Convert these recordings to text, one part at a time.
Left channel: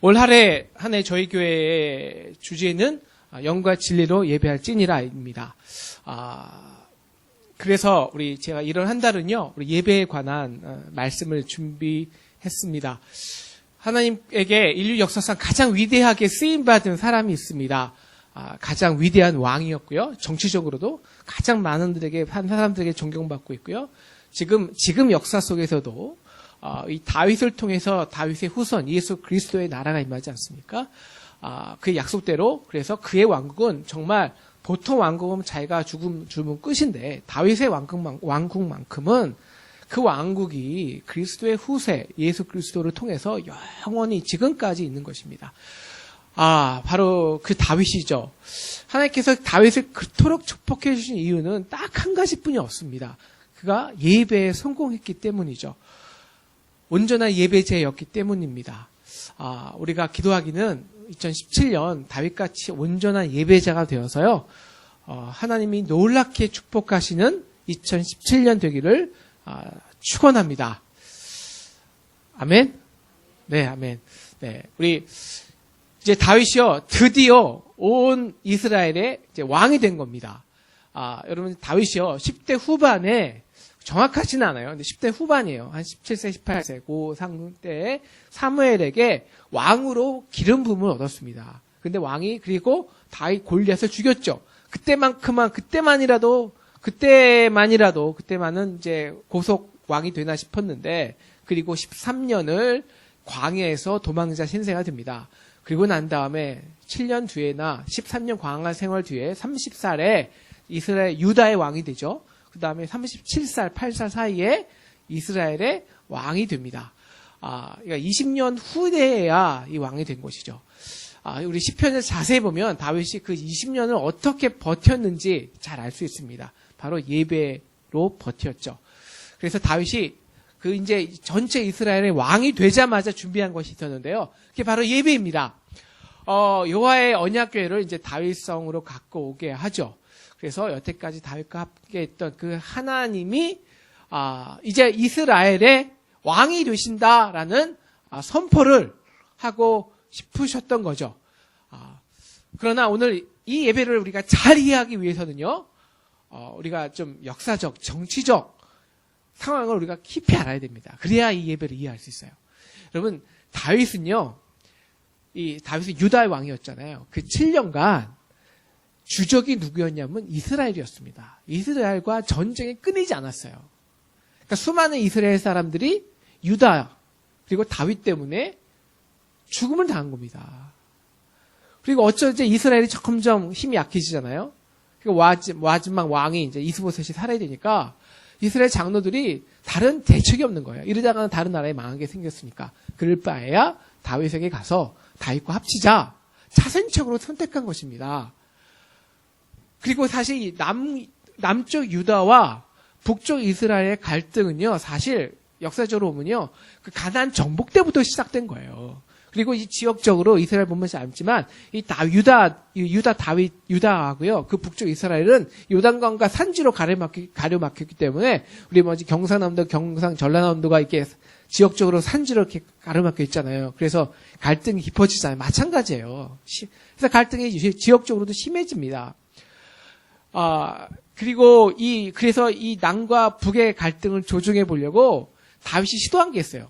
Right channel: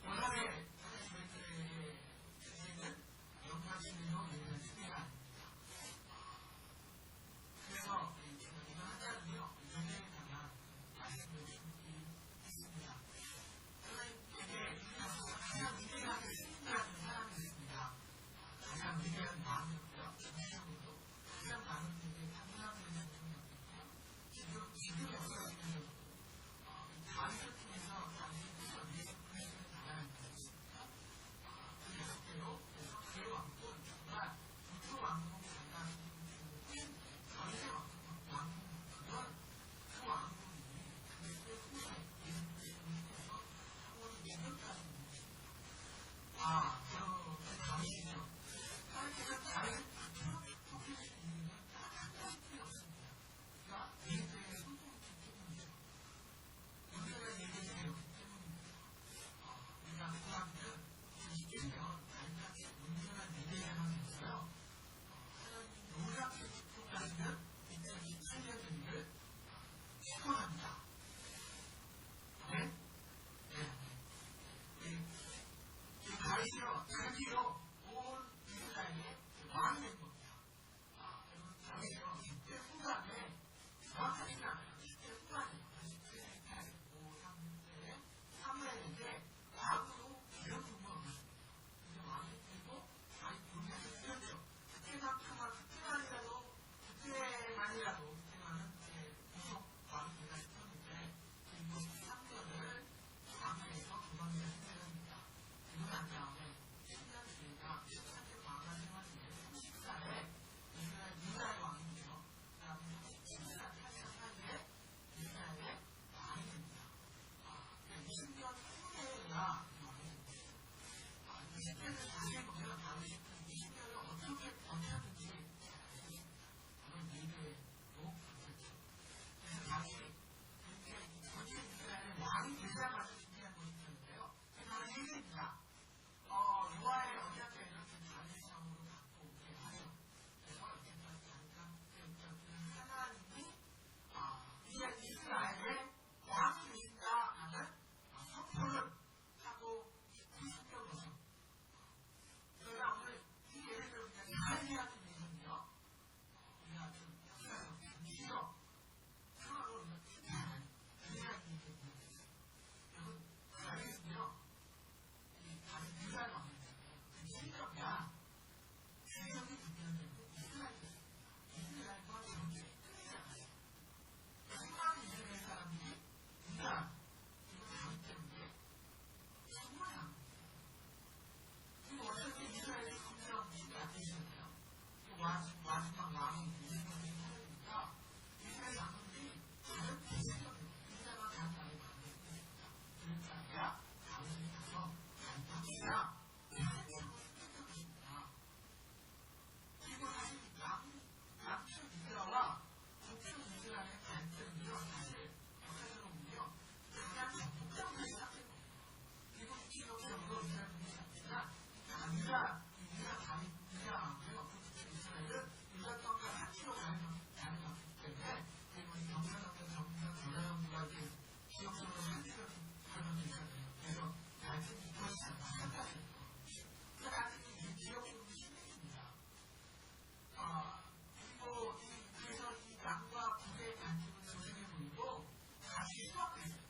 올 한 해 저희 교회의 주제는 영과 진리로 예배할지니라입니다. 그래서 제가 이런 한 달은요, 우리 예배에 관한 말씀을 준비했습니다. 하나님에게 인류 역사상 가장 위대하게 쓰임받은 사람이 있습니다. 가장 위대한 왕이었고요. 정치적으로도 가장 많은 사람들에게 존경받고 있고요. 지금 역사 속에서도 이 다윗을 통해서 다윗의 후손 예수 그리스도의 나라가 임하지 않습니까? 그의 약속대로 그래서 그의 왕국은 정말 보통 왕국은 자기가 죽으면 끝인데 다윗의 왕국만큼은 그 왕국이 그리스도의 후세 예수 그리스도를 통해서 영원히 지금까지 있는 것입니다. 바로 그 다윗이죠. 하나님께서 다윗을 그토록 축복해 주신 이유는 딱 한 가지뿐이 없습니다. 그가 예배에 성공했기 때문이죠. 온전한 예배제였기 때문입니다. 우리가 기도하기는 2017년 다윗같이 온전한 예배자가 되어서요. 하나님이 놀랍게 축복하시는 2017년 되기를 축원합니다. 아멘. 네, 아멘. 네, 우리 이제 다윗이요 드디어 온 이스라엘의 이제 왕이 된 겁니다. 여러분 다윗이요 10대 후반에 정확하지는 않아요. 근데 10대 후반이에요. 한 17세, 18세 그 상태에 사무엘에게 왕으로 기름 부음을 얻었습니다. 근데 왕이 그리고 다윗 골리앗을 죽였죠. 그때만은 이제 고속 왕이 되나 싶었는데 그리고 13년을 광야에서 도망자 신세가 됩니다. 그리고 난 다음에 7년 뒤에나 13년 광야 생활 뒤에 30살에 이스라엘 유다의 왕이 되죠. 그 다음에 37살, 8살 사이에 이스라엘의 왕이 됩니다. 그러니까 20년 후에야 이 왕이 된 것이죠. 우리 시편을 자세히 보면 다윗이 그 20년을 어떻게 버텼는지 잘 알 수 있습니다. 바로 예배로 버텼죠. 그래서 다윗이 그 이제 전체 이스라엘의 왕이 되자마자 준비한 것이 있었는데요. 그게 바로 예배입니다. 여호와의 언약궤를 이제 다윗성으로 갖고 오게 하죠. 그래서 여태까지 다윗과 함께 했던 그 하나님이 이제 이스라엘의 왕이 되신다라는 선포를 하고 싶으셨던 거죠. 그러나 오늘 이 예배를 우리가 잘 이해하기 위해서는요, 우리가 좀 역사적, 정치적 상황을 우리가 깊이 알아야 됩니다. 그래야 이 예배를 이해할 수 있어요. 여러분, 다윗은 유다의 왕이었잖아요. 그 7년간 주적이 누구였냐면 이스라엘이었습니다. 이스라엘과 전쟁이 끊이지 않았어요. 그러니까 수많은 이스라엘 사람들이 유다 그리고 다윗 때문에 죽음을 당한 겁니다. 그리고 어쩌지 이스라엘이 점점 힘이 약해지잖아요. 마지막 왕이 이제 이스보셋이 살아야 되니까 이스라엘 장로들이 다른 대책이 없는 거예요. 이러다가는 다른 나라에 망하게 생겼으니까. 그럴 바에야 다윗에게 가서 다윗과 합치자. 차선책으로 선택한 것입니다. 그리고 사실 남쪽 유다와 북쪽 이스라엘의 갈등은요, 사실 역사적으로 보면요, 그 가나안 정복 때부터 시작된 거예요. 그리고 이 지역적으로 이스라엘 보면 알지만 유다하고요, 그 북쪽 이스라엘은 요단강과 산지로 가려막혔기 때문에 우리 경상남도, 전라남도가 이렇게 지역적으로 산지로 이렇게 가려막혀 있잖아요. 그래서 갈등이 깊어지잖아요. 마찬가지예요. 그래서 갈등이 지역적으로도 심해집니다. 그래서 이 남과 북의 갈등을 조정해 보려고 다윗이 시도한 게 있어요.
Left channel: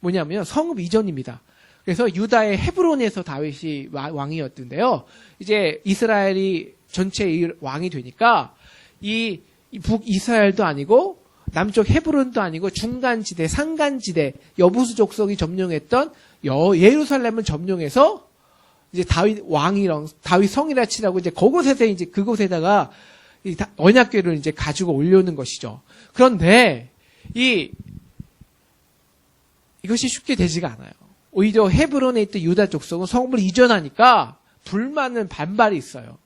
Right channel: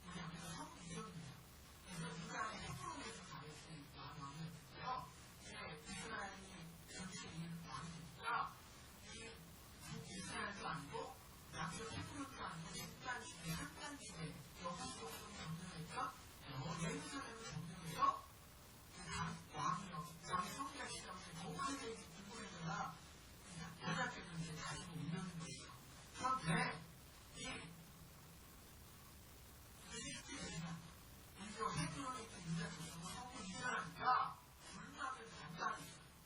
뭐냐면 성읍 이전입니다. 그래서 유다의 헤브론에서 다윗이 왕이었던데요. 이제 이스라엘이 전체 왕이 되니까 이 북이스라엘도 아니고 남쪽 헤브론도 아니고 중간지대, 산간지대, 여부수 족속이 점령했던 예루살렘을 점령해서 이제 다윗 성이라 치라고 이제 그곳에다가 이 언약궤를 이제 가지고 올려오는 것이죠. 그런데 이것이 쉽게 되지가 않아요. 오히려 헤브론에 있던 유다 족속은 성읍을 이전하니까 불만은 반발이 있어요.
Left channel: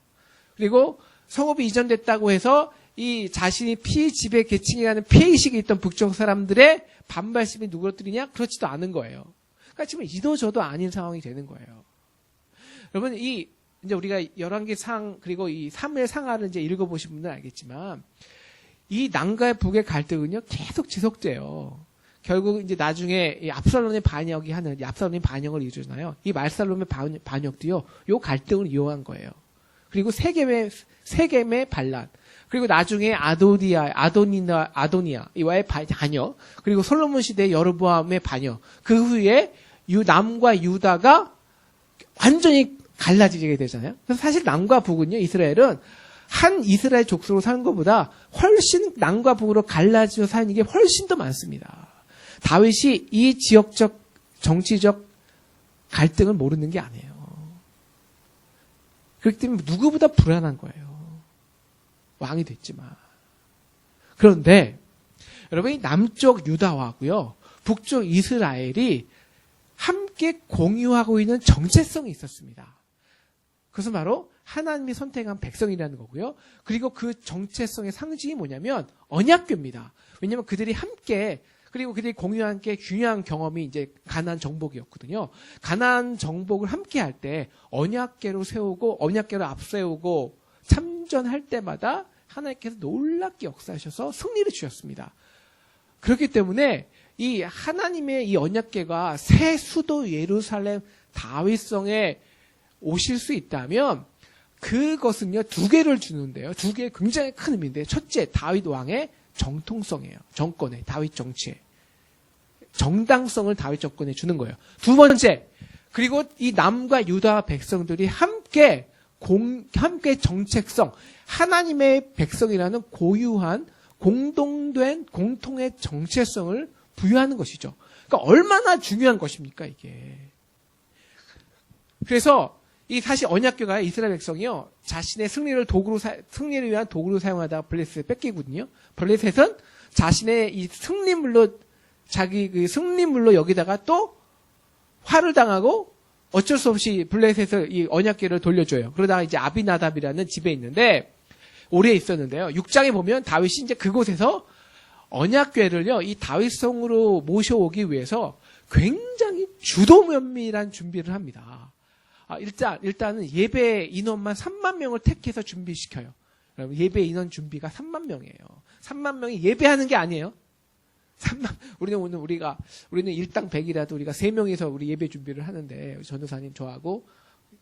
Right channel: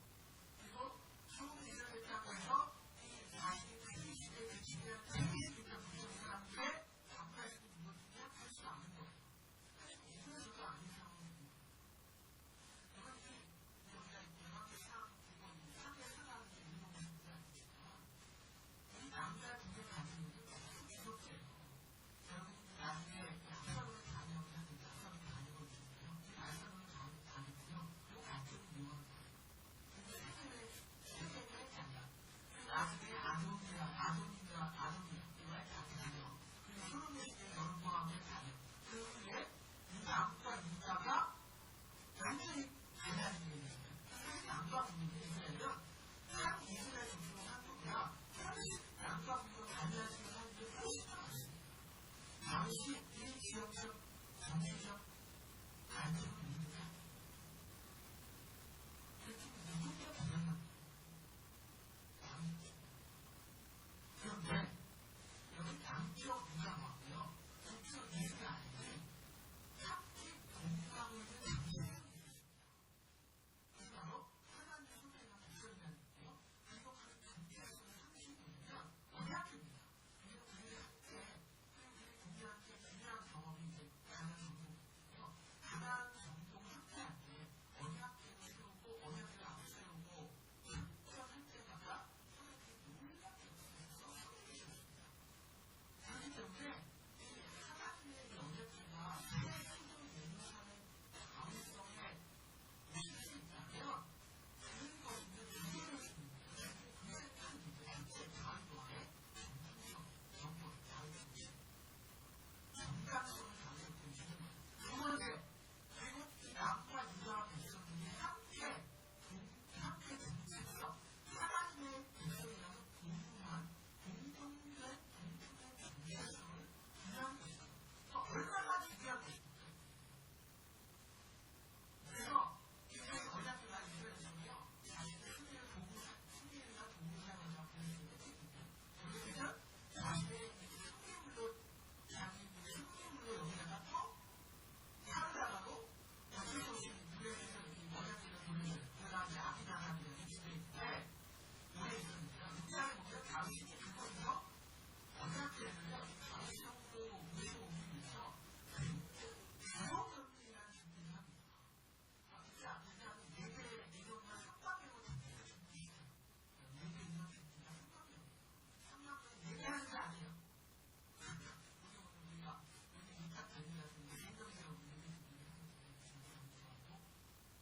그리고 성읍이 이전됐다고 해서 이 자신이 피지배 계층이라는 피해의식이 있던 북쪽 사람들의 반발심이 누그러뜨리냐? 그렇지도 않은 거예요. 그러니까 지금 이도저도 아닌 상황이 되는 거예요. 여러분, 이제 우리가 열왕기 그리고 이 사무엘 상하를 이제 읽어보신 분들은 알겠지만, 이 남과 북의 갈등은요, 계속 지속돼요. 결국 이제 나중에 이 압살롬의 반역이 하는, 이 압살롬의 반역을 이루잖아요. 이 말살롬의 반역도요, 요 갈등을 이용한 거예요. 그리고 세겜의 반란. 그리고 나중에 아도니아, 이와의 반역. 그리고 솔로몬 시대 여로보암의 반역. 그 후에 남과 유다가 완전히 갈라지게 되잖아요. 그래서 사실 남과 북은요, 이스라엘은 한 이스라엘 족속으로 사는 것보다 훨씬 남과 북으로 갈라져 사는 게 훨씬 더 많습니다. 다윗이 이 지역적, 정치적 갈등을 모르는 게 아니에요. 그렇기 때문에 누구보다 불안한 거예요. 왕이 됐지만. 그런데 여러분, 이 남쪽 유다하고요, 북쪽 이스라엘이 함께 공유하고 있는 정체성이 있었습니다. 그것은 바로 하나님이 선택한 백성이라는 거고요. 그리고 그 정체성의 상징이 뭐냐면 언약궤입니다. 왜냐하면 그들이 함께, 그리고 그들이 공유한 게 중요한 경험이 이제 가나안 정복이었거든요. 가나안 정복을 함께 할 때 언약궤로 세우고 언약궤로 앞세우고 참전할 때마다 하나님께서 놀랍게 역사하셔서 승리를 주셨습니다. 그렇기 때문에 이 하나님의 이 언약궤가 새 수도 예루살렘 다윗성에 오실 수 있다면 그것은요, 두 개를 주는데요. 두 개의 굉장히 큰 의미인데, 첫째, 다윗 왕의 정통성이에요. 정권에, 다윗 정치에. 정당성을 다윗 정권에 주는 거예요. 두 번째, 그리고 이 남과 유다 백성들이 함께 정책성, 하나님의 백성이라는 고유한 공동된 공통의 정체성을 부여하는 것이죠. 그러니까 얼마나 중요한 것입니까, 이게. 그래서 이 사실 언약궤가 이스라엘 백성이요, 자신의 승리를 위한 도구로 사용하다가 블레셋을 뺏기거든요. 블레셋은 자신의 이 승리물로, 자기 그 승리물로 여기다가 또 화를 당하고 어쩔 수 없이 블레셋을 이 언약궤를 돌려줘요. 그러다가 이제 아비나답이라는 집에 있는데, 오래 있었는데요. 6장에 보면 다윗이 이제 그곳에서 언약궤를요, 이 다윗성으로 모셔오기 위해서 굉장히 주도면밀한 준비를 합니다. 일단은 예배 인원만 3만 명을 택해서 준비시켜요. 여러분, 예배 인원 준비가 3만 명이에요. 3만 명이 예배하는 게 아니에요. 우리는 일당 100이라도 우리가 3명이서 우리 예배 준비를 하는데, 전도사님 저하고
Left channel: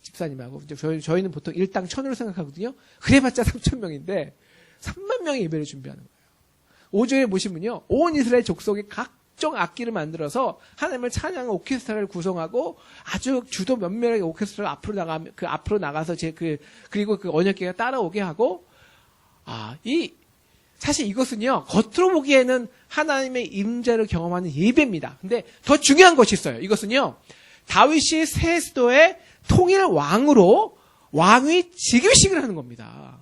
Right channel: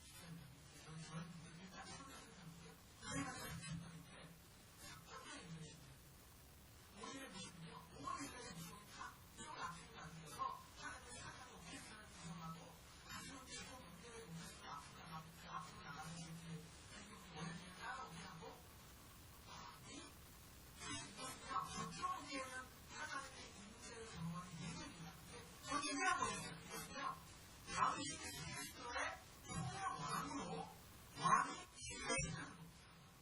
집사님하고, 저희는 보통 일당 1000으로 생각하거든요. 그래봤자 3000명인데, 3만 명의 예배를 준비하는 거예요. 5절에 보시면요, 온 이스라엘 족속이 각종 악기를 만들어서 하나님을 찬양하는 오케스트라를 구성하고 아주 주도 면밀하게 오케스트라가 앞으로 나가서 그리고 그 언약궤가 따라오게 하고, 사실 이것은요, 겉으로 보기에는 하나님의 임재를 경험하는 예배입니다. 근데 더 중요한 것이 있어요. 이것은요, 다윗이 새 수도의 통일 왕으로 왕위 즉위식을 하는 겁니다.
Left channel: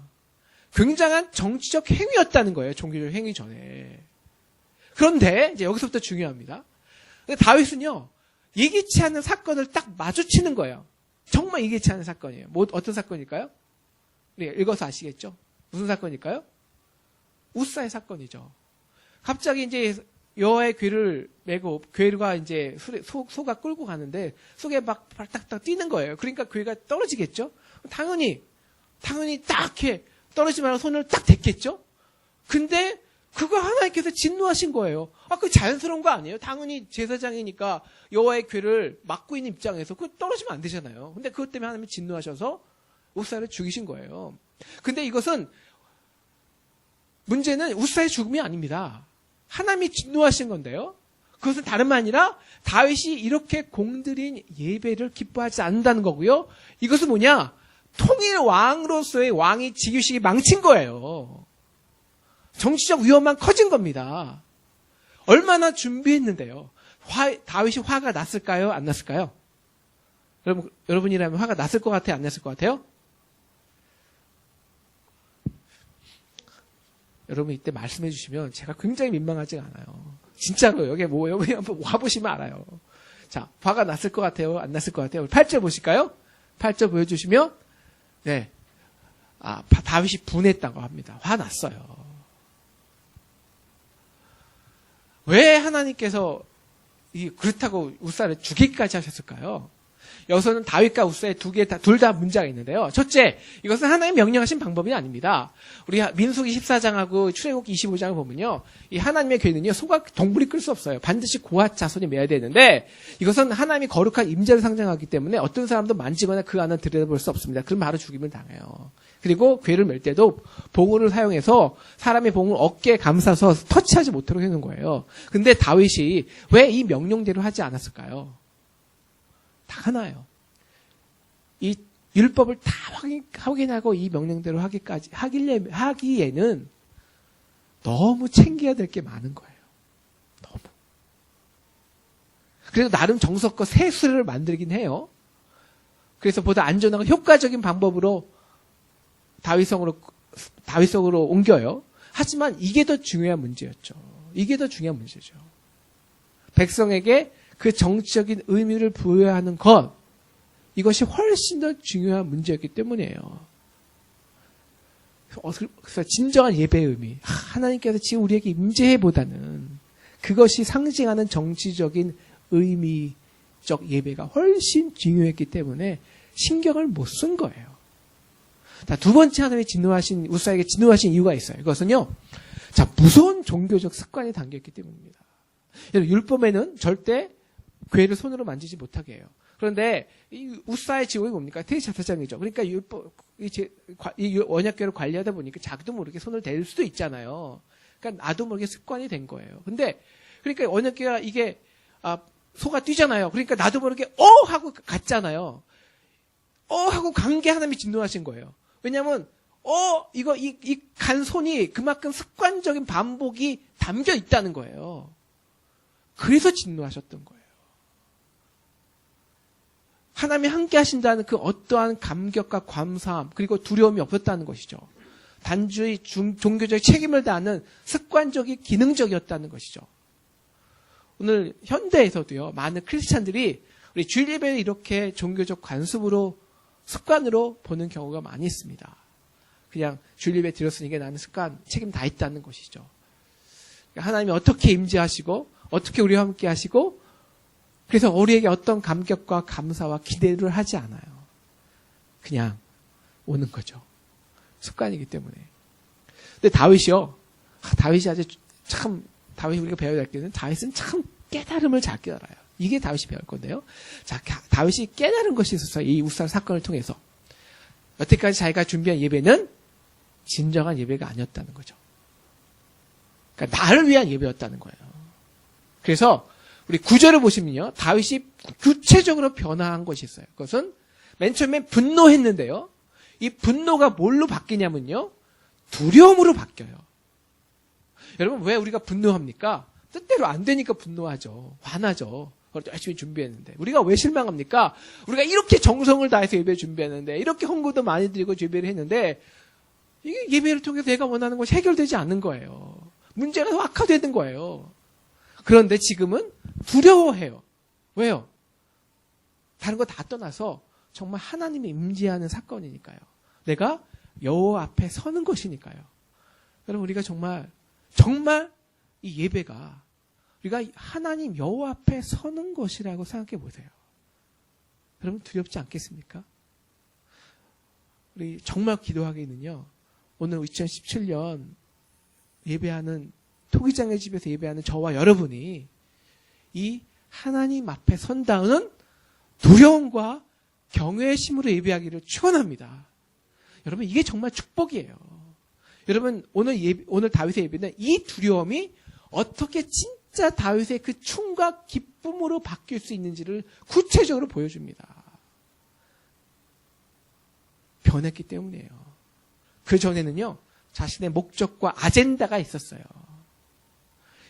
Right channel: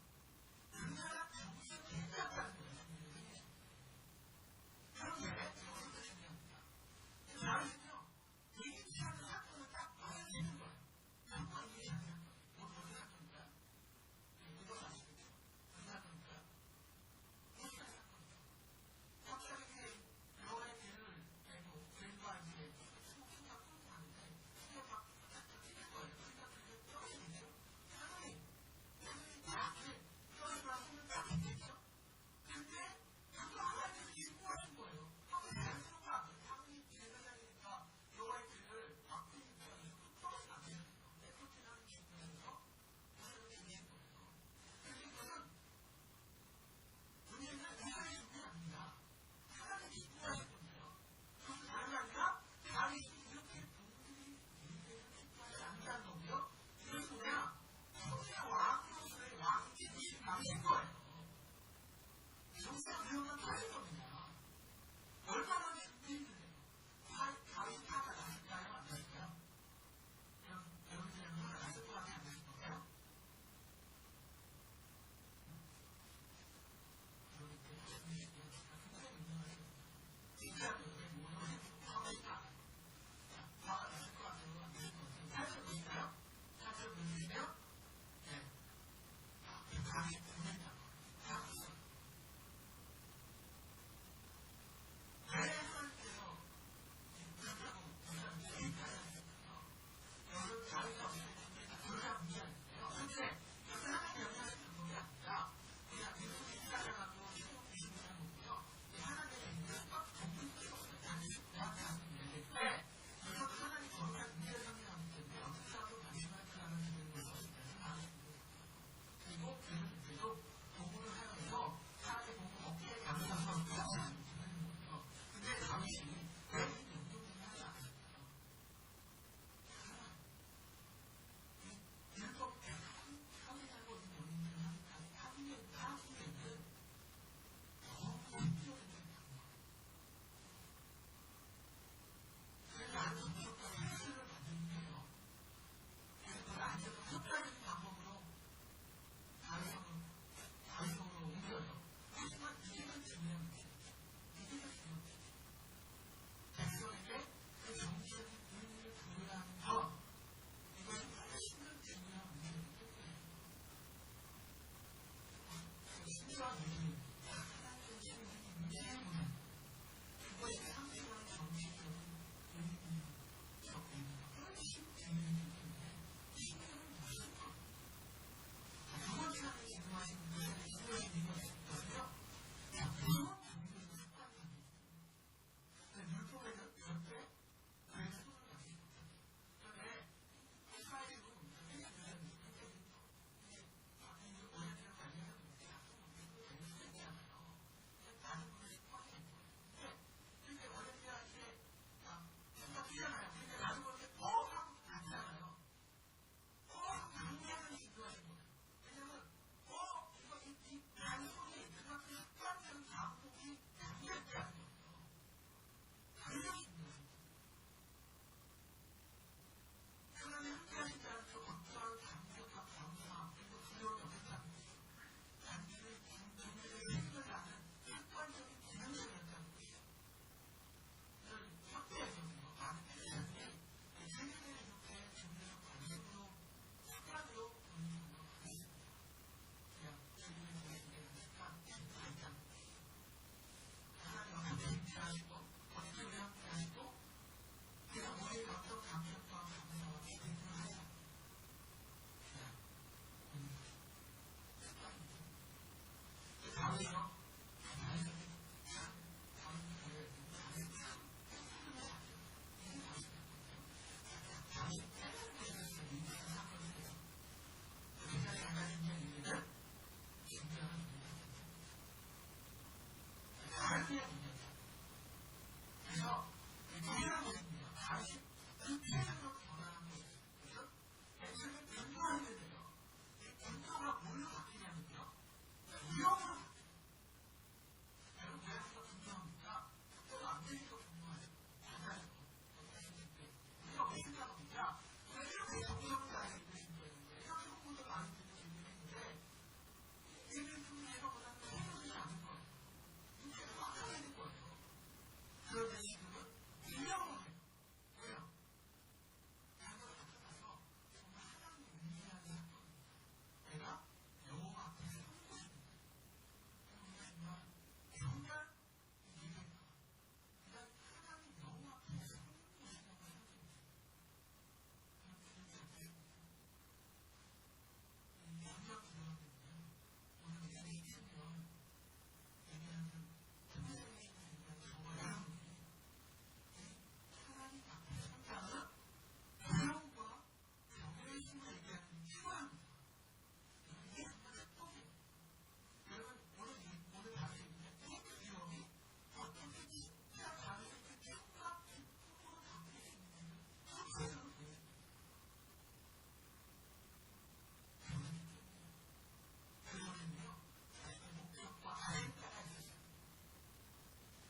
굉장한 정치적 행위였다는 거예요. 종교적 행위 전에. 그런데 이제 여기서부터 중요합니다. 근데 다윗은요, 예기치 않은 사건을 딱 마주치는 거예요. 정말 예기치 않은 사건이에요. 어떤 사건일까요? 네, 읽어서 아시겠죠? 무슨 사건일까요? 우사의 사건이죠. 갑자기 이제 여호와의 궤를 메고, 궤가 이제 소가 끌고 가는데 속에 막 딱딱 뛰는 거예요. 그러니까 궤가 떨어지겠죠? 당연히 딱 이렇게 떨어지지 말고 손을 딱 댔겠죠? 근데 그거 하나님께서 진노하신 거예요. 그게 자연스러운 거 아니에요? 당연히 제사장이니까 여호와의 궤를 막고 있는 입장에서 그거 떨어지면 안 되잖아요. 근데 그것 때문에 하나님이 진노하셔서 우사를 죽이신 거예요. 근데 이것은 문제는 우사의 죽음이 아닙니다. 하나님이 진노하신 건데요. 그것은 다름 아니라 다윗이 이렇게 공들인 예배를 기뻐하지 않는다는 거고요. 이것은 뭐냐? 통일 왕으로서의 왕이 즉위식이 망친 거예요. 정치적 위험만 커진 겁니다. 얼마나 준비했는데요. 다윗이 화가 났을까요? 안 났을까요? 여러분이라면 화가 났을 것 같아요? 안 났을 것 같아요? 여러분 이때 말씀해 주시면 제가 굉장히 민망하지가 않아요. 진짜로 여기 한번 와보시면 알아요. 자, 화가 났을 것 같아요? 안 났을 것 같아요? 8절 보실까요? 8절 보여주시면, 네. 다윗이 분했다고 합니다. 화났어요. 왜 하나님께서 그렇다고 우사를 죽이기까지 하셨을까요? 여기서는 다윗과 우사의 둘 다 문제가 있는데요. 첫째, 이것은 하나님 명령하신 방법이 아닙니다. 우리 민수기 14장하고 출애굽기 25장을 보면요. 이 하나님의 궤는요, 소가 동물이 끌 수 없어요. 반드시 고앗 자손이 매야 되는데, 이것은 하나님이 거룩한 임재를 상징하기 때문에 어떤 사람도 만지거나 그 안을 들여다볼 수 없습니다. 그럼 바로 죽임을 당해요. 그리고 궤를 멜 때도 봉우를 사용해서 사람의 봉을 어깨에 감싸서 터치하지 못하도록 해놓은 거예요. 근데 다윗이 왜 이 명령대로 하지 않았을까요? 다 하나요. 이 율법을 다 확인하고 이 명령대로 하기에는 너무 챙겨야 될 게 많은 거예요. 너무. 그래서 나름 정석껏 세수를 만들긴 해요. 그래서 보다 안전하고 효과적인 방법으로 다윗성으로 옮겨요. 하지만 이게 더 중요한 문제였죠. 이게 더 중요한 문제죠. 백성에게 그 정치적인 의미를 부여해야 하는 것, 이것이 훨씬 더 중요한 문제였기 때문이에요. 그래서 진정한 예배의 의미, 하나님께서 지금 우리에게 임재해보다는 그것이 상징하는 정치적인 의미적 예배가 훨씬 중요했기 때문에 신경을 못 쓴 거예요. 자, 두 번째 하나님의 우사에게 진노하신 이유가 있어요. 이것은요, 자, 무서운 종교적 습관이 담겨있기 때문입니다. 율법에는 절대 궤를 손으로 만지지 못하게 해요. 그런데 이 우사의 직업이 뭡니까? 대제사장이죠. 그러니까 이 언약궤를 관리하다 보니까 자기도 모르게 손을 댈 수도 있잖아요. 그러니까 나도 모르게 습관이 된 거예요. 근데 그러니까 언약궤가 이게 소가 뛰잖아요. 그러니까 나도 모르게 하고 갔잖아요. 하고 간 게 하나님이 진노하신 거예요. 왜냐하면 이 간 손이 그만큼 습관적인 반복이 담겨 있다는 거예요. 그래서 진노하셨던 거예요. 하나님이 함께 하신다는 그 어떠한 감격과 감사함 그리고 두려움이 없었다는 것이죠. 단지 종교적 책임을 다하는 습관적이 기능적이었다는 것이죠. 오늘 현대에서도요, 많은 크리스찬들이 우리 주일 예배를 이렇게 종교적 관습으로 습관으로 보는 경우가 많이 있습니다. 그냥 주일 예배 드렸으니까 나는 습관 책임 다 있다는 것이죠. 하나님이 어떻게 임재하시고 어떻게 우리와 함께 하시고 그래서 우리에게 어떤 감격과 감사와 기대를 하지 않아요. 그냥 오는 거죠. 습관이기 때문에. 근데 다윗이 우리가 배워야 될 게는 다윗은 참 깨달음을 잘 깨달아요. 이게 다윗이 배울 건데요. 자, 다윗이 깨달은 것이 있었어요. 이 우사 사건을 통해서. 여태까지 자기가 준비한 예배는 진정한 예배가 아니었다는 거죠. 그러니까 나를 위한 예배였다는 거예요. 그래서 우리 9절을 보시면요. 다윗이 구체적으로 변화한 것이 있어요. 그것은 맨 처음에 분노했는데요. 이 분노가 뭘로 바뀌냐면요. 두려움으로 바뀌어요. 여러분 왜 우리가 분노합니까? 뜻대로 안 되니까 분노하죠. 화나죠. 열심히 준비했는데. 우리가 왜 실망합니까? 우리가 이렇게 정성을 다해서 예배 준비했는데 이렇게 헌금도 많이 드리고 예배를 했는데 이게 예배를 통해서 내가 원하는 것이 해결되지 않는 거예요. 문제가 더 악화되는 거예요. 그런데 지금은 두려워해요. 왜요? 다른 거 다 떠나서 정말 하나님이 임재하는 사건이니까요. 내가 여호와 앞에 서는 것이니까요. 여러분 우리가 정말 이 예배가 우리가 하나님 여호와 앞에 서는 것이라고 생각해 보세요. 여러분 두렵지 않겠습니까? 우리 정말 기도하기는요. 오늘 2017년 예배하는 토기장의 집에서 예배하는 저와 여러분이 이 하나님 앞에 선다는 두려움과 경외의 심으로 예배하기를 축원합니다. 여러분 이게 정말 축복이에요. 여러분 오늘 다윗의 예배는 이 두려움이 어떻게 진짜 다윗의 그 춤과 기쁨으로 바뀔 수 있는지를 구체적으로 보여줍니다. 변했기 때문이에요. 그 전에는요 자신의 목적과 아젠다가 있었어요.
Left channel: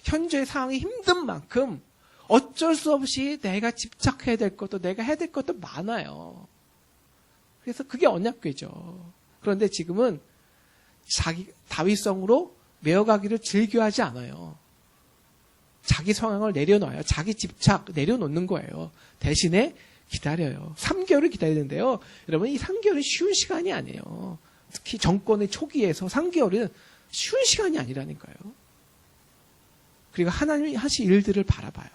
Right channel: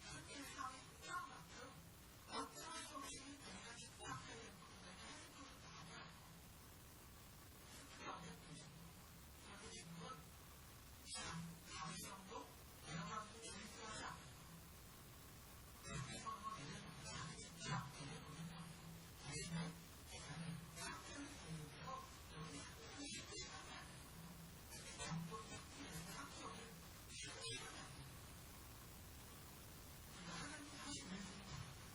현재의 상황이 힘든 만큼 어쩔 수 없이 내가 집착해야 될 것도 내가 해야 될 것도 많아요. 그래서 그게 언약궤죠. 그런데 지금은 다윗성으로 메어가기를 즐겨하지 않아요. 자기 상황을 내려놔요. 자기 집착 내려놓는 거예요. 대신에 기다려요. 3개월을 기다리는데요. 여러분 이 3개월은 쉬운 시간이 아니에요. 특히 정권의 초기에서 3개월은 쉬운 시간이 아니라니까요. 그리고 하나님이 하신 일들을 바라봐요.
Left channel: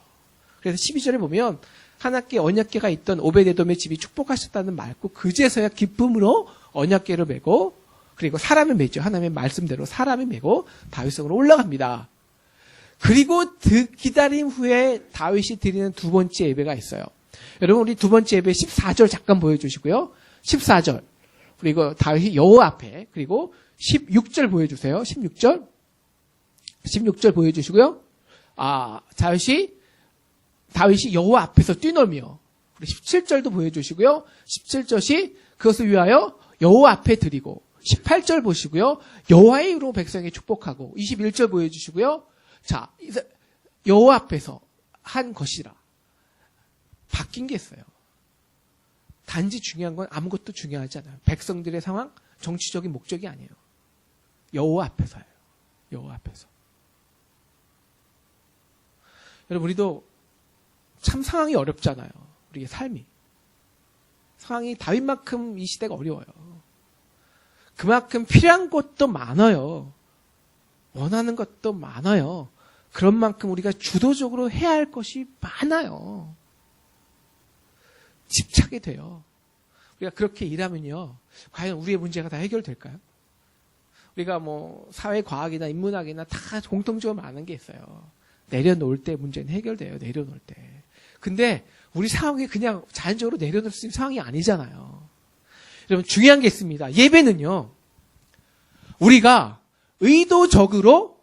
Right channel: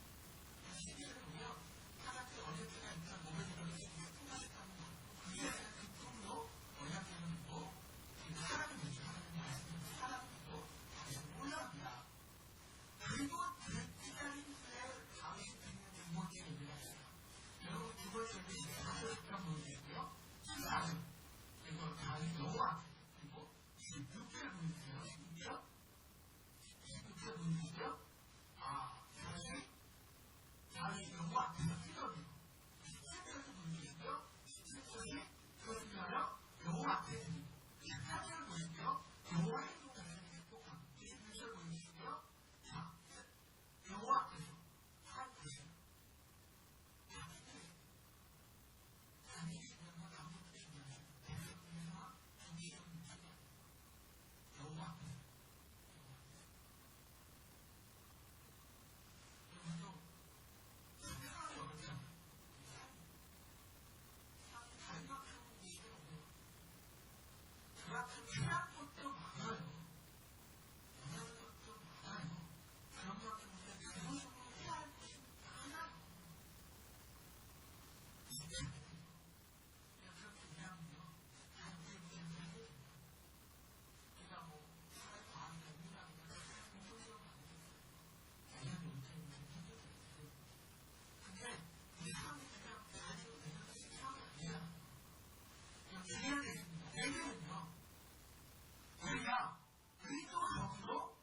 그래서 12절에 보면 하나님께 언약궤가 있던 오베데돔의 집이 축복하셨다는 말고 그제서야 기쁨으로 언약궤를 메고 그리고 사람을 메죠. 하나님의 말씀대로 사람을 메고 다윗성으로 올라갑니다. 그리고 기다림 후에 다윗이 드리는 두 번째 예배가 있어요. 여러분 우리 두 번째 예배 14절 잠깐 보여주시고요. 14절 그리고 다윗이 여호와 앞에 그리고 16절 보여주세요. 16절 보여주시고요. 다윗이 여호와 앞에서 뛰놀며 17절도 보여주시고요. 17절이 그것을 위하여 여호와 앞에 드리고 18절 보시고요. 여호와의 이름으로 백성에게 축복하고 21절 보여주시고요. 자, 여호와 앞에서 한 것이라 바뀐 게 있어요. 단지 중요한 건 아무것도 중요하지 않아요. 백성들의 상황, 정치적인 목적이 아니에요. 여호와 앞에서예요. 여호와 앞에서. 여러분 우리도 참 상황이 어렵잖아요. 우리의 삶이. 상황이 다윗만큼 이 시대가 어려워요. 그만큼 필요한 것도 많아요. 원하는 것도 많아요. 그런 만큼 우리가 주도적으로 해야 할 것이 많아요. 집착이 돼요. 우리가 그렇게 일하면요. 과연 우리의 문제가 다 해결될까요? 우리가 뭐 사회과학이나 인문학이나 다 공통적으로 많은 게 있어요. 내려놓을 때 문제는 해결돼요. 내려놓을 때. 근데 우리 상황이 그냥 자연적으로 내려놓을 수 있는 상황이 아니잖아요. 여러분 중요한 게 있습니다. 예배는요. 우리가 의도적으로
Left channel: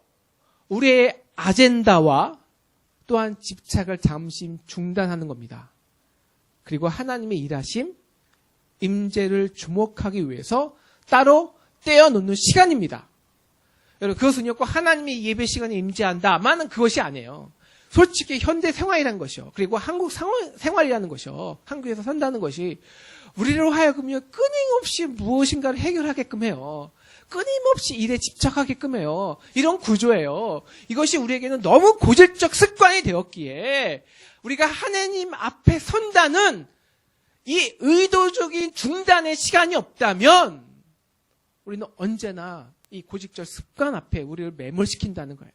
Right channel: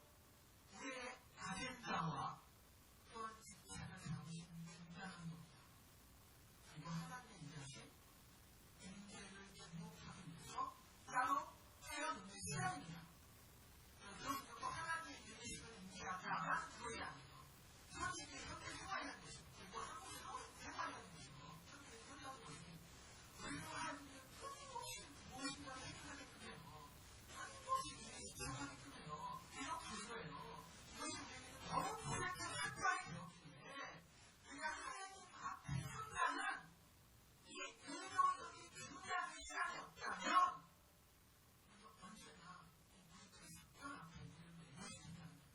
우리의 아젠다와 또한 집착을 잠시 중단하는 겁니다. 그리고 하나님의 일하심, 임재를 주목하기 위해서 따로 떼어놓는 시간입니다. 여러분 그것은요 꼭 하나님의 예배 시간에 임재한다만은 그것이 아니에요. 솔직히 현대 생활이라는 것이요. 그리고 한국 생활이라는 것이요. 한국에서 산다는 것이 우리로 하여금요 끊임없이 무엇인가를 해결하게끔 해요. 끊임없이 일에 집착하게끔 해요. 이런 구조예요. 이것이 우리에게는 너무 고질적 습관이 되었기에 우리가 하나님 앞에 선다는 이 의도적인 중단의 시간이 없다면 우리는 언제나 이 고질적 습관 앞에 우리를 매몰시킨다는 거예요.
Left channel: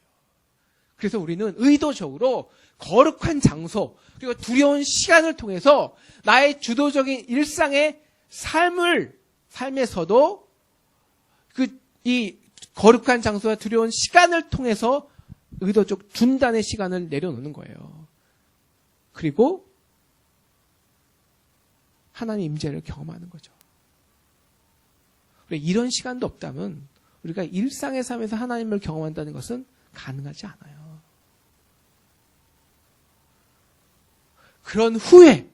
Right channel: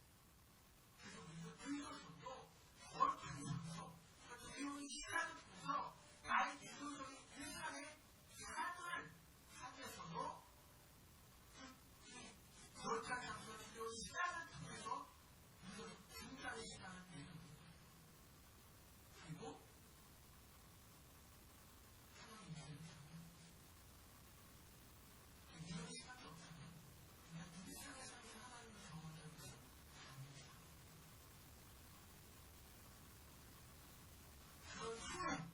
그래서 우리는 의도적으로 거룩한 장소 그리고 두려운 시간을 통해서 나의 주도적인 일상의 삶에서도 이 거룩한 장소와 두려운 시간을 통해서 의도적 중단의 시간을 내려놓는 거예요. 그리고 하나님의 임재를 경험하는 거죠. 이런 시간도 없다면 우리가 일상의 삶에서 하나님을 경험한다는 것은 가능하지 않아요. 그런 후에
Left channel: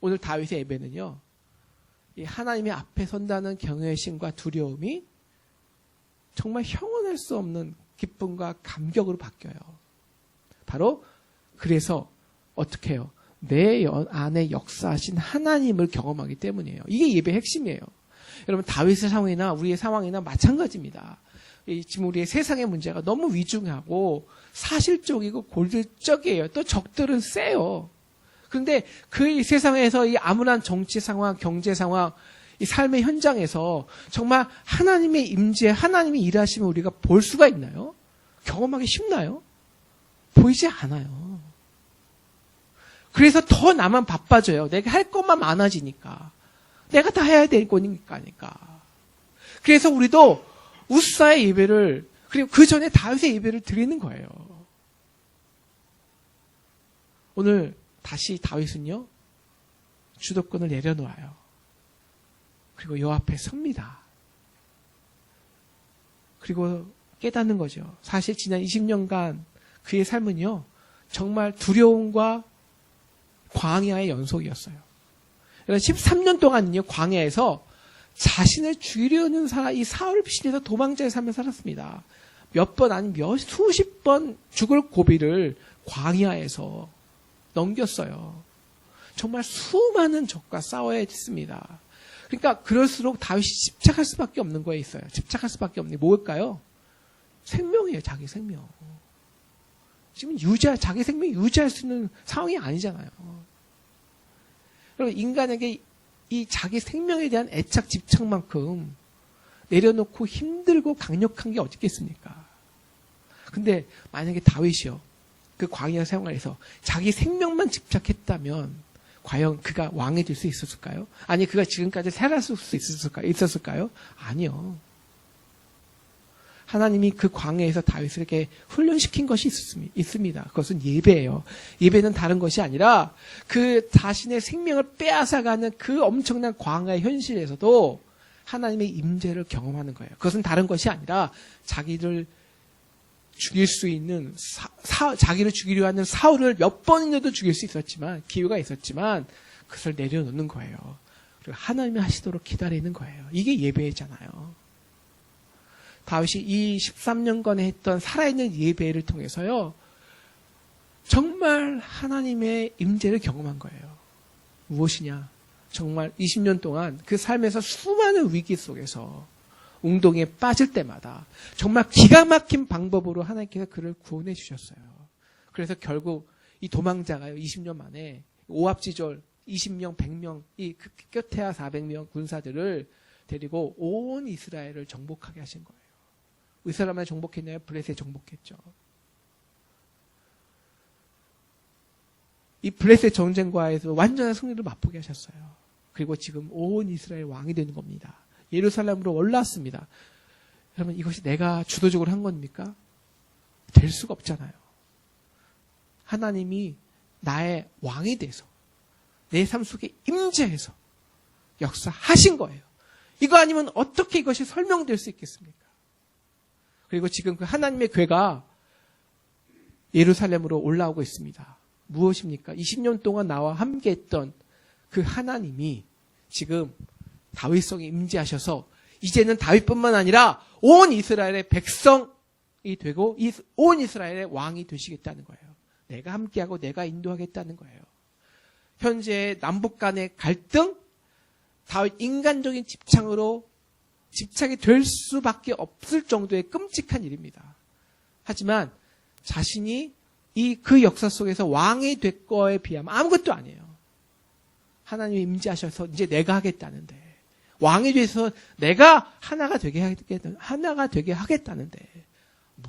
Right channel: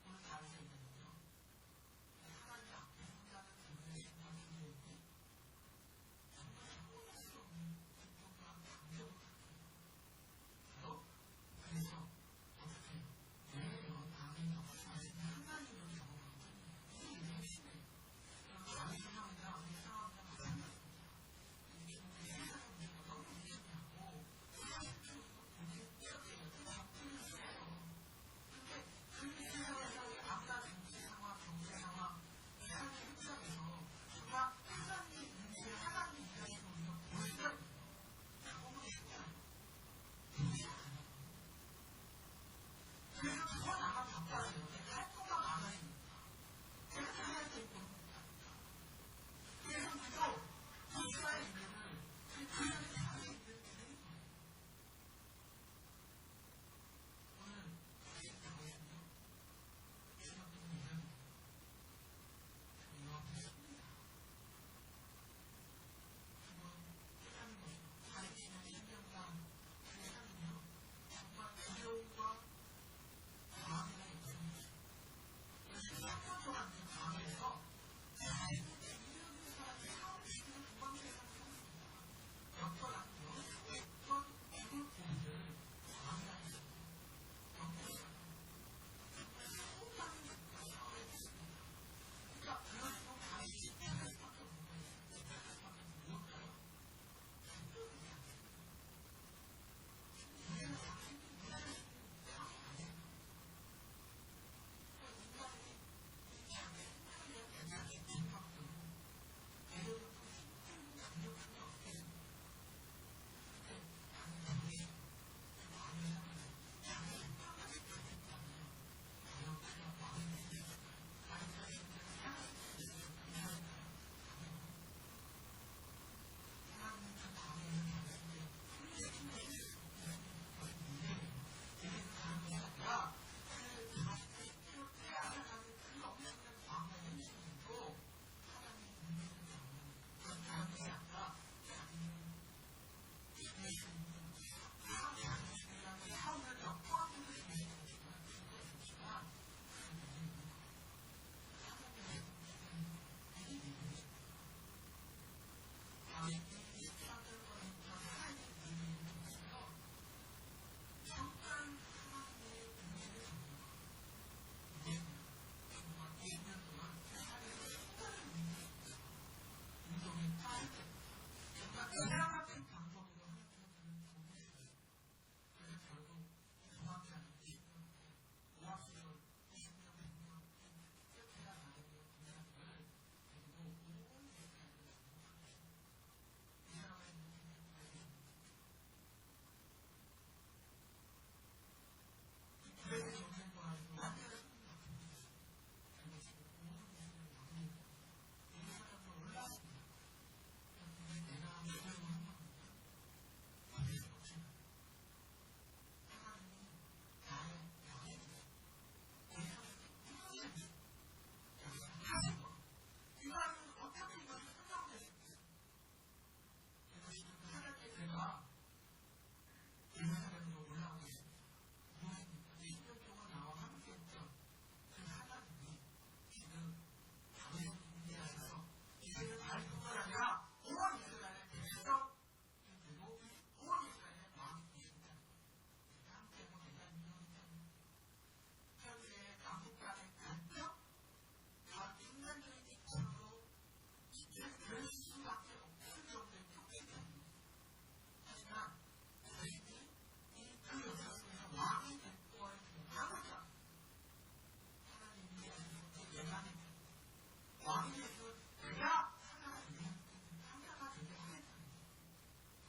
오늘 다윗의 예배는요. 이 하나님의 앞에 선다는 경외심과 두려움이 정말 형언할 수 없는 기쁨과 감격으로 바뀌어요. 바로 그래서 어떻게 해요? 내 안에 역사하신 하나님을 경험하기 때문이에요. 이게 예배의 핵심이에요. 여러분 다윗의 상황이나 우리의 상황이나 마찬가지입니다. 지금 우리의 세상의 문제가 너무 위중하고 사실적이고 골질적이에요. 또 적들은 세요. 그런데 그 세상에서 이 암울한 정치 상황, 경제 상황, 이 삶의 현장에서 정말 하나님의 임재, 하나님의 일하심을 우리가 볼 수가 있나요? 경험하기 쉽나요? 보이지 않아요. 그래서 더 나만 바빠져요. 내가 할 것만 많아지니까. 내가 다 해야 될 거니까. 그래서 우리도 우사의 예배를 그리고 그 전에 다윗의 예배를 드리는 거예요. 오늘 다시 다윗은요. 주도권을 내려놓아요. 그리고 요 앞에 섭니다. 그리고 깨닫는 거죠. 사실 지난 20년간 그의 삶은요. 정말 두려움과 광야의 연속이었어요. 13년 동안요. 광야에서 자신을 죽이려는 이 사울 시대에서 도망자의 삶을 살았습니다. 몇 번 아니면 수십 번 죽을 고비를 광야에서 넘겼어요. 정말 수많은 적과 싸워야 했습니다. 그러니까 그럴수록 다윗이 집착할 수밖에 없는 거에 있어요. 집착할 수밖에 없는 게 뭘까요? 생명이에요. 자기 생명. 지금 자기 생명 유지할 수 있는 상황이 아니잖아요. 그리고 인간에게 이 자기 생명에 대한 애착 집착만큼 내려놓고 힘들고 강력한 게 어디 있겠습니까? 근데 만약에 다윗이요. 그 광야 생활에서 자기 생명만 집착했다면 과연 그가 왕이 될 수 있었을까요? 아니 그가 지금까지 살았을 수 있었을까요? 아니요. 하나님이 그 광야에서 다윗에게 훈련시킨 것이 있습니다. 그것은 예배예요. 예배는 다른 것이 아니라 그 자신의 생명을 빼앗아가는 그 엄청난 광야의 현실에서도 하나님의 임재를 경험하는 거예요. 그것은 다른 것이 아니라 자기를 죽일 수 있는 자기를 죽이려 하는 사울을 몇 번이라도 죽일 수 있었지만 기회가 있었지만 그것을 내려놓는 거예요. 그리고 하나님이 하시도록 기다리는 거예요. 이게 예배잖아요. 다윗이 이 13년간에 했던 살아있는 예배를 통해서요. 정말 하나님의 임재를 경험한 거예요. 무엇이냐? 정말 20년 동안 그 삶에서 수많은 위기 속에서 웅동에 빠질 때마다 정말 기가 막힌 방법으로 하나님께서 그를 구원해 주셨어요. 그래서 결국 이 도망자가요. 20년 만에 오합지졸 20명, 100명, 이 끝에야 400명 군사들을 데리고 온 이스라엘을 정복하게 하신 거예요. 이스라엘만 정복했나요? 블레셋 정복했죠. 이 블레셋 전쟁과에서 완전한 승리를 맛보게 하셨어요. 그리고 지금 온 이스라엘 왕이 되는 겁니다. 예루살렘으로 올라왔습니다. 여러분 이것이 내가 주도적으로 한 겁니까? 될 수가 없잖아요. 하나님이 나의 왕이 돼서 내 삶 속에 임재해서 역사하신 거예요. 이거 아니면 어떻게 이것이 설명될 수 있겠습니까? 그리고 지금 그 하나님의 궤가 예루살렘으로 올라오고 있습니다. 무엇입니까? 20년 동안 나와 함께 했던 그 하나님이 지금 다윗성에 임재하셔서 이제는 다윗뿐만 아니라 온 이스라엘의 백성이 되고 온 이스라엘의 왕이 되시겠다는 거예요. 내가 함께하고 내가 인도하겠다는 거예요. 현재 남북 간의 갈등, 다윗 인간적인 집착이 될 수밖에 없을 정도의 끔찍한 일입니다. 하지만 자신이 그 역사 속에서 왕이 될 거에 비하면 아무것도 아니에요. 하나님이 임재하셔서 이제 내가 하겠다는데 왕이 돼서 내가 하나가 되게 하겠다는데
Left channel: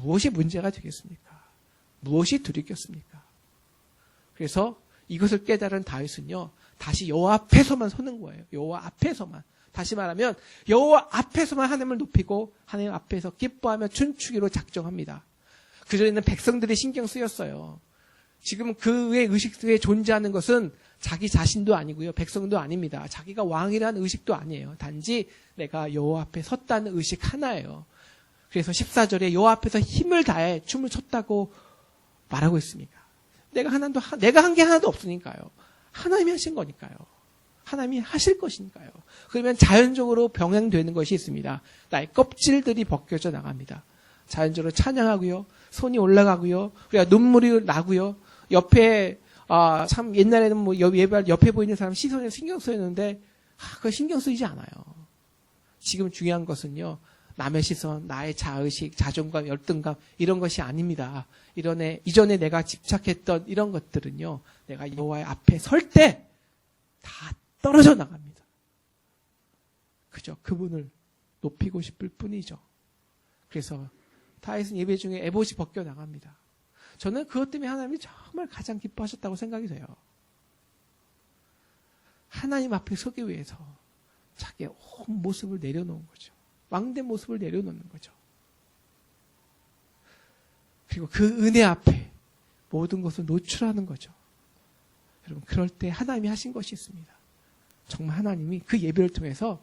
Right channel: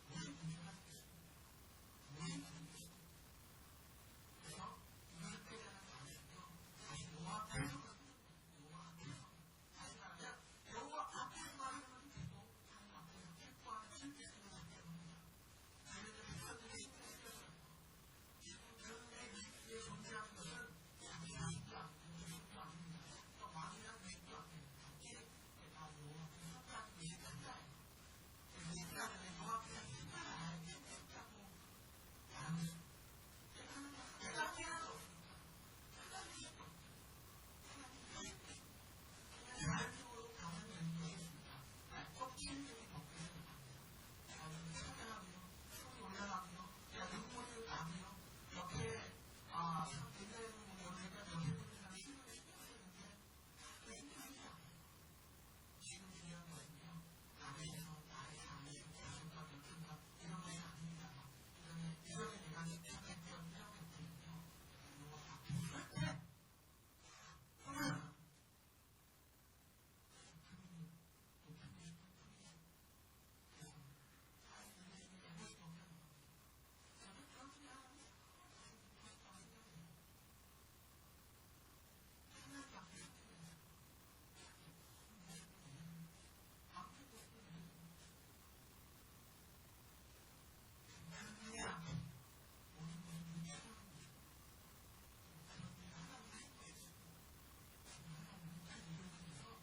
무엇이 문제가 되겠습니까? 무엇이 두렵겠습니까? 그래서 이것을 깨달은 다윗은요. 다시 여호와 앞에서만 서는 거예요. 여호와 앞에서만. 다시 말하면 여호와 앞에서만 하나님을 높이고 하나님 앞에서 기뻐하며 춤추기로 작정합니다. 그전에는 백성들이 신경 쓰였어요. 지금 그의 의식 속에 존재하는 것은 자기 자신도 아니고요. 백성도 아닙니다. 자기가 왕이라는 의식도 아니에요. 단지 내가 여호와 앞에 섰다는 의식 하나예요. 그래서 14절에 여호와 앞에서 힘을 다해 춤을 췄다고 말하고 있습니다. 내가 한 게 하나도 없으니까요. 하나님이 하신 거니까요. 하나님이 하실 것이니까요. 그러면 자연적으로 병행되는 것이 있습니다. 나의 껍질들이 벗겨져 나갑니다. 자연적으로 찬양하고요. 손이 올라가고요. 그러니까 눈물이 나고요. 옆에 참 옛날에는 뭐 옆에 보이는 사람 시선에 신경 쓰였는데 그거 신경 쓰이지 않아요. 지금 중요한 것은요. 남의 시선, 나의 자의식, 자존감, 열등감 이런 것이 아닙니다. 이전에 내가 집착했던 이런 것들은요. 내가 여호와의 앞에 설 때 다 떨어져 나갑니다. 그죠? 그분을 높이고 싶을 뿐이죠. 그래서 다윗은 예배 중에 에봇이 벗겨 나갑니다. 저는 그것 때문에 하나님이 정말 가장 기뻐하셨다고 생각이 돼요. 하나님 앞에 서기 위해서 자기의 온 모습을 내려놓은 거죠. 왕된 모습을 내려놓는 거죠. 그리고 그 은혜 앞에 모든 것을 노출하는 거죠. 여러분 그럴 때 하나님이 하신 것이 있습니다. 정말 하나님이 그 예배를 통해서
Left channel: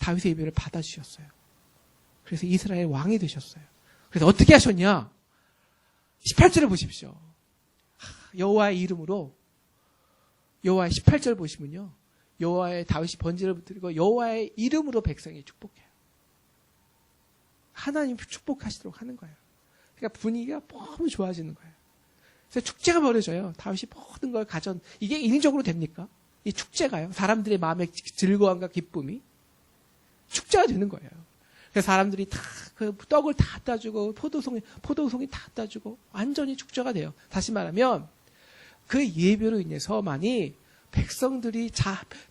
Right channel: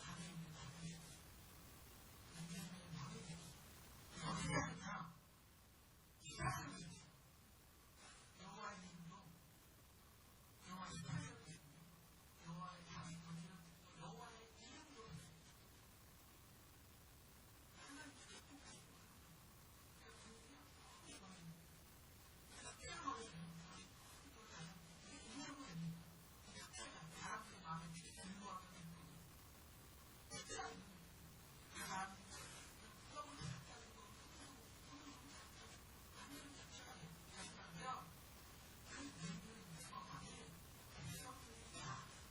다윗의 예배를 받아주셨어요. 그래서 이스라엘 왕이 되셨어요. 그래서 어떻게 하셨냐? 18절을 보십시오. 여호와의 이름으로 여호와의 18절 보시면요. 여호와의 다윗이 번제를 드리고 여호와의 이름으로 백성이 축복해요. 하나님 축복하시도록 하는 거예요. 그러니까 분위기가 너무 좋아지는 거예요. 그래서 축제가 벌어져요. 다윗이 모든 걸 이게 인위적으로 됩니까? 이 축제가요. 사람들의 마음의 즐거움과 기쁨이 축제가 되는 거예요. 그래서 사람들이 다 그 떡을 다 따주고 포도송이 다 따주고 완전히 축제가 돼요. 다시 말하면 그 예배로 인해서만이 백성들이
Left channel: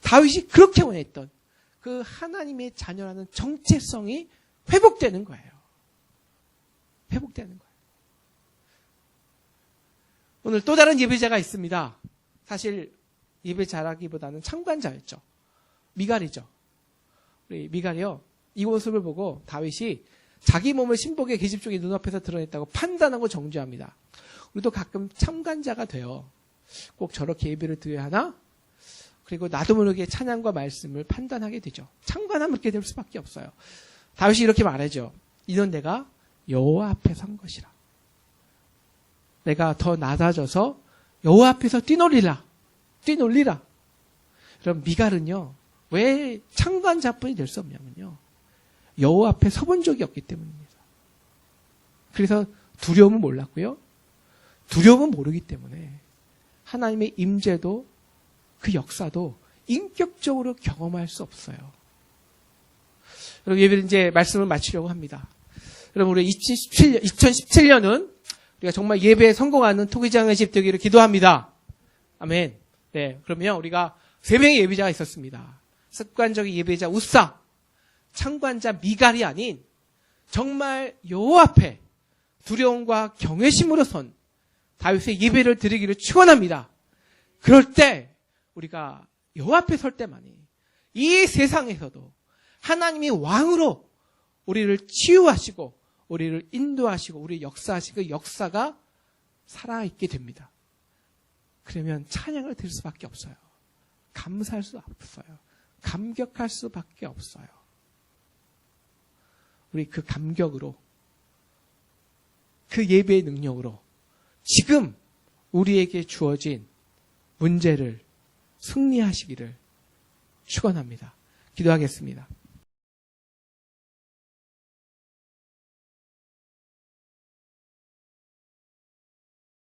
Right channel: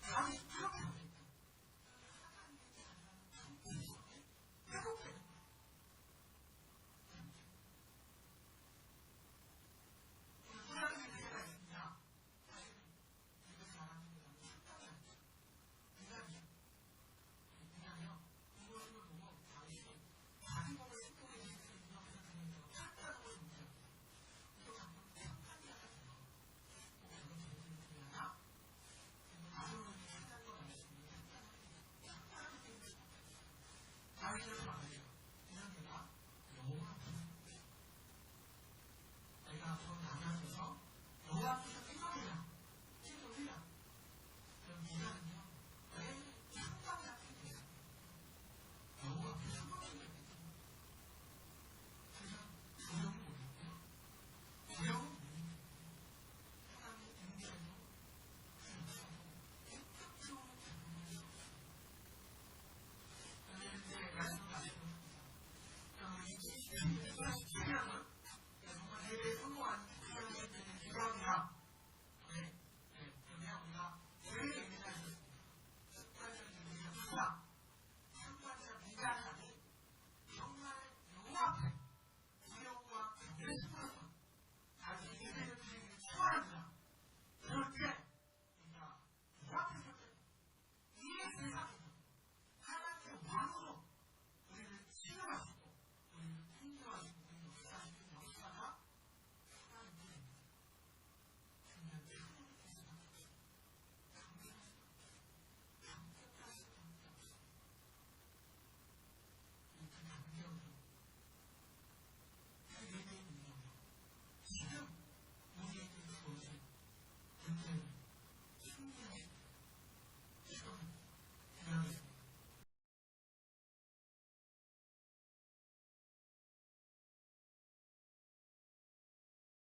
다윗이 그렇게 원했던 그 하나님의 자녀라는 정체성이 회복되는 거예요. 회복되는 거예요. 오늘 또 다른 예배자가 있습니다. 사실 예배 잘하기보다는 참관자였죠. 미갈이죠. 우리 미갈이요. 이 모습을 보고 다윗이 자기 몸을 신복의 계집 쪽에 눈앞에서 드러냈다고 판단하고 정죄합니다. 우리도 가끔 참관자가 돼요. 꼭 저렇게 예배를 드려야 하나? 그리고 나도 모르게 찬양과 말씀을 판단하게 되죠. 참관하면 이렇게 될 수밖에 없어요. 다윗이 이렇게 말하죠. 이는 내가 여호와 앞에 선 것이라. 내가 더 낮아져서 여호와 앞에서 뛰놀리라. 그럼 미갈은요. 왜 참관자뿐이 될 수 없냐면요. 여호와 앞에 서본 적이 없기 때문입니다. 그래서 두려움은 몰랐고요. 두려움은 모르기 때문에 하나님의 임재도 그 역사도 인격적으로 경험할 수 없어요. 여러분 예배는 이제 말씀을 마치려고 합니다. 여러분 우리 2017년은 우리가 정말 예배에 성공하는 토기장의 집 되기를 기도합니다. 아멘. 네, 그러면 우리가 3명의 예배자가 있었습니다. 습관적인 예배자 우사, 참관자 미갈이 아닌 정말 여호와 앞에 두려움과 경외심으로 선 다윗의 예배를 드리기를 축원합니다. 그럴 때 우리가 여호와 앞에 설 때만이 이 세상에서도 하나님이 왕으로 우리를 치유하시고 우리를 인도하시고 우리 역사하시고 그 역사가 살아있게 됩니다. 그러면 찬양을 드릴 수밖에 없어요. 감사할 수 없어요. 감격할 수밖에 없어요. 우리 그 감격으로 그 예배의 능력으로 지금 우리에게 주어진 문제를 승리하시기를 축원합니다. 기도하겠습니다.